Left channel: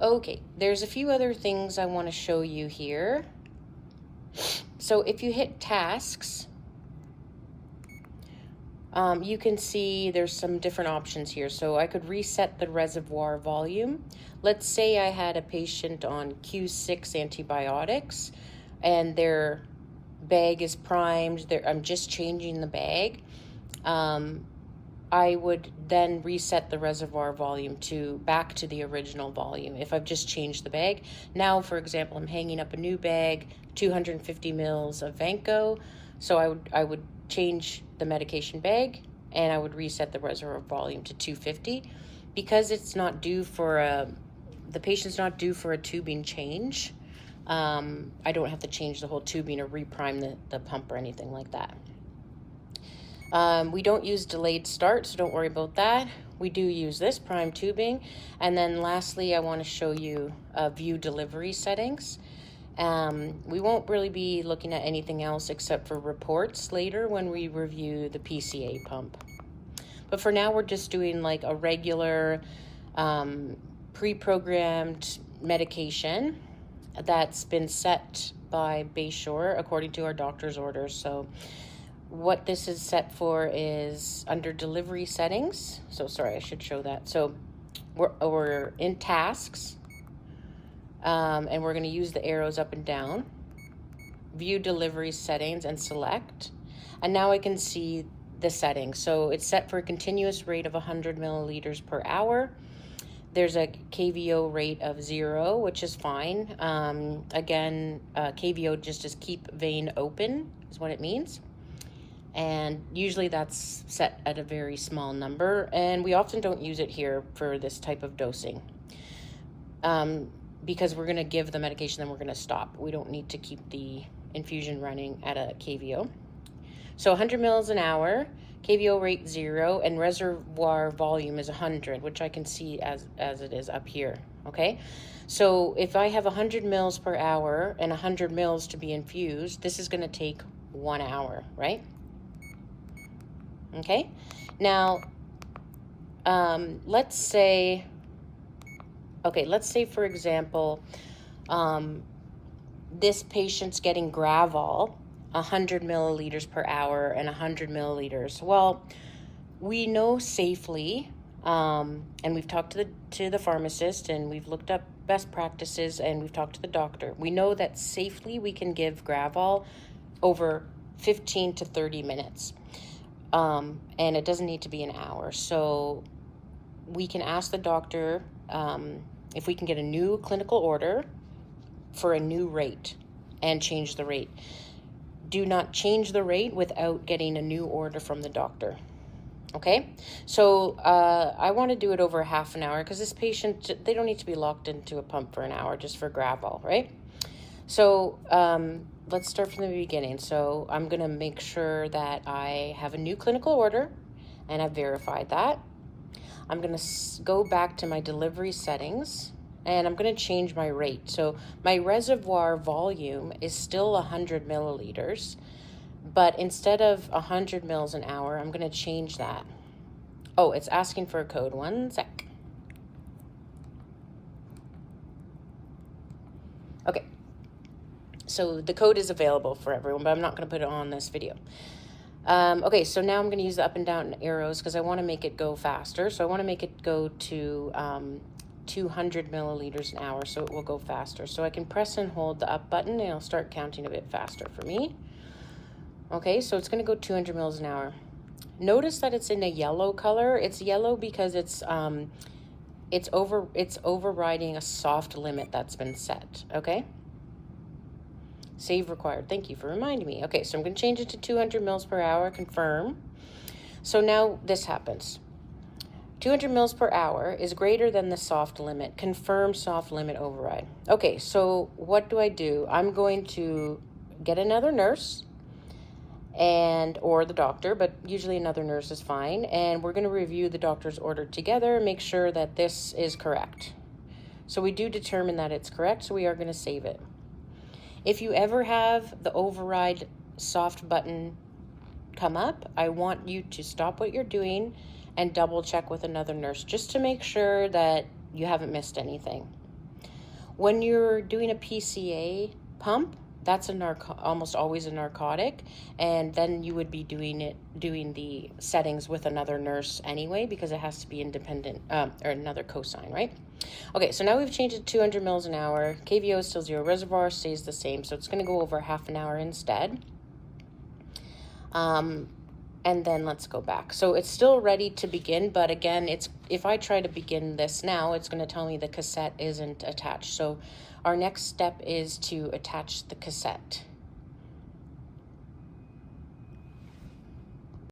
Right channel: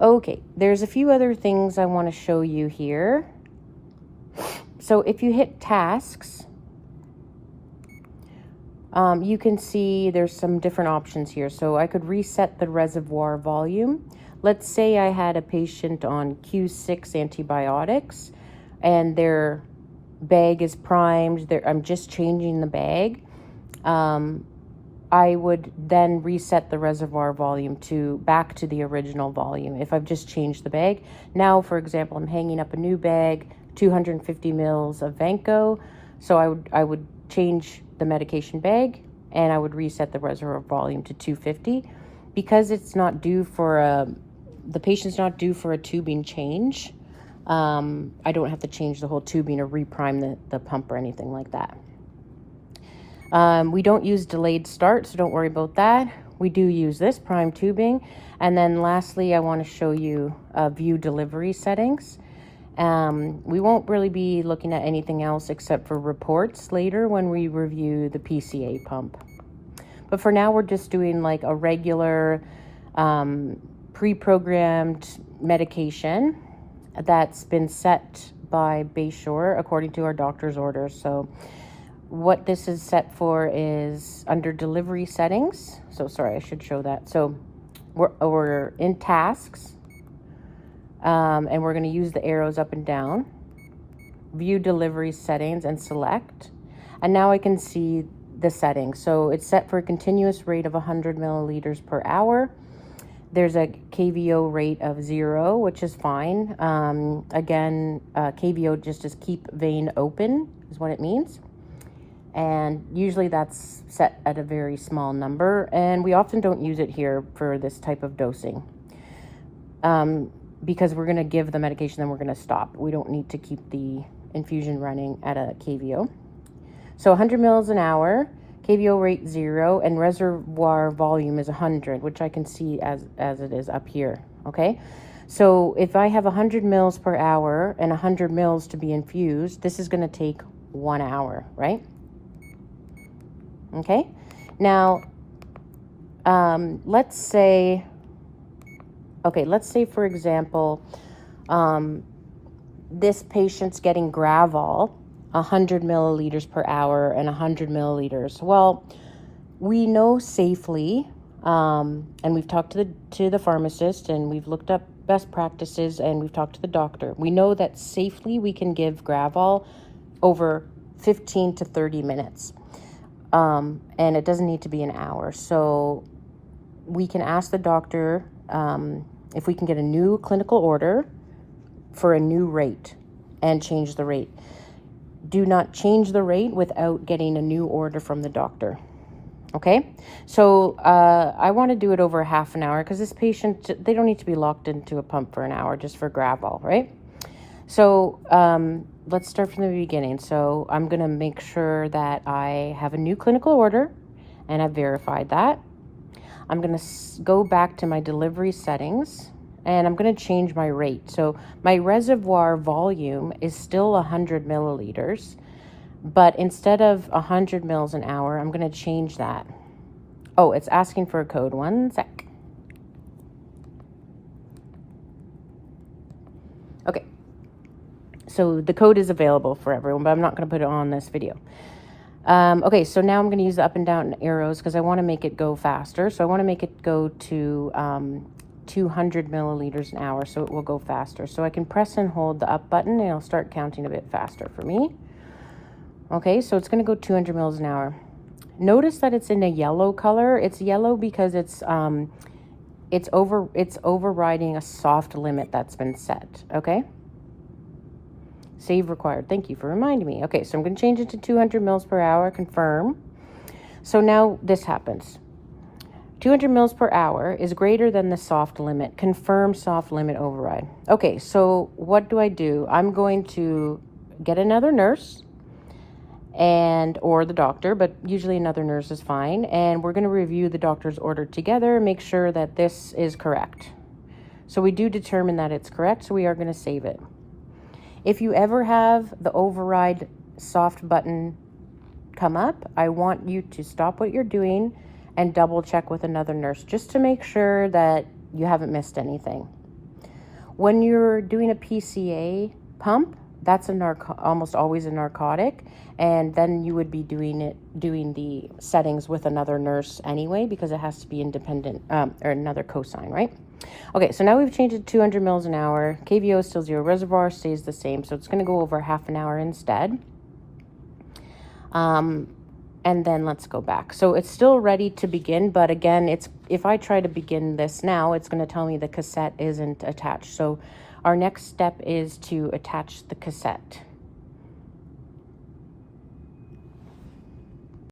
Okay, there's a few other things I want to show you here. So if you hit tasks, you can see there's some different options here. So I could reset the reservoir volume. Let's say I had a patient on Q6 antibiotics and their bag is primed. I'm just changing the bag. I would then reset the reservoir volume back to the original volume if I've just changed the bag. Now, for example, I'm hanging up a new bag, 250 mils of Vanco. So I would change the medication bag and I would reset the reservoir volume to 250 because it's not due for the patient's not due for a tubing change. I don't have to change the whole tubing or reprime the pump or anything like that. We don't use delayed start, so don't worry about that. We do use this prime tubing. And then lastly, I want to show you view delivery settings. We won't really be looking at anything else except for reports later when we review the PCA pump. But for now, we're just doing like a regular pre-programmed medication that's been set by Bayshore according to our doctor's orders. So what this is set for is under delivery settings. So sorry, I should show that. So we're in tasks, and we're going to use the arrows up and down, view delivery settings and select. And now I can see the settings. So it's set for a continuous rate of 100 milliliters per hour. There's a KVO rate of 0, which is fine. Again, KVO just is keep vein open is what it means. And usually that's set at a very small number. And we often don't use it here for this type of dosing because we're going to give the medication, then we're going to stop. We don't need to keep the infusion running at a KVO. So 100 mils an hour, KVO rate 0, and reservoir volume is 100, which I can see as it is up here, okay? So if I have 100 mils per hour and 100 mils to be infused, this is gonna take 1 hour, right? Okay, now, let's say, for example, this patient's getting Gravol, 100 milliliters per hour and 100 milliliters. Well, we know safely, and we've talked to the pharmacist and we've looked up best practices and we've talked to the doctor. We know that safely we can give Gravol over 15 to 30 minutes. And it doesn't need to be an hour. So we can ask the doctor if we can get a new clinical order for a new rate and change the rate. Do not change the rate without getting a new order from the doctor. Okay, so I want to do it over half an hour because this patient, they don't need to be locked into a pump for an hour just for Gravol, right? So let's start from the beginning. So I'm going to make sure that I have a new clinical order and I've verified that. I'm going to go back to my delivery settings and I'm going to change my rate. So my reservoir volume is still 100 milliliters, but instead of 100 mils an hour, I'm going to change that. Oh, it's asking for a code. 1 sec. Okay. So the code is available for everyone, but I'm not going to put it on this video. Okay, so now I'm going to use the up and down arrows because I want to make it go faster. So I want to make it go to 200 milliliters an hour, so it will go faster. So I can press and hold the up button and it'll start counting a bit faster for me. Okay, so it's going to go 200 mils an hour. Notice that it's in a yellow color. It's yellow because it's overriding a soft limit that's been set. Okay. Save required. Thank you for reminding me. Okay, so I'm going to change it to 200 mils per hour. Confirm. So now this happens. 200 mils per hour is greater than the soft limit. Confirm soft limit override. Okay, so what do? I'm going to get another nurse or the doctor, but usually another nurse is fine. And we're going to review the doctor's order together and make sure that this is correct. So we do determine that it's correct, so we are going to save it. If you ever have the override soft button come up, I want you to stop what you're doing and double check with another nurse just to make sure that you haven't missed anything. When you're doing a PCA pump, that's almost always a narcotic, and then you would be doing the settings with another nurse anyway, because it has to be independent, or another cosign, right? Okay, so now we've changed it to 200 mils an hour. KVO is still 0. Reservoir stays the same, so it's going to go over half an hour instead. And then let's go back. So it's still ready to begin, but again, if I try to begin this now, it's going to tell me the cassette isn't attached. So our next step is to attach the cassette.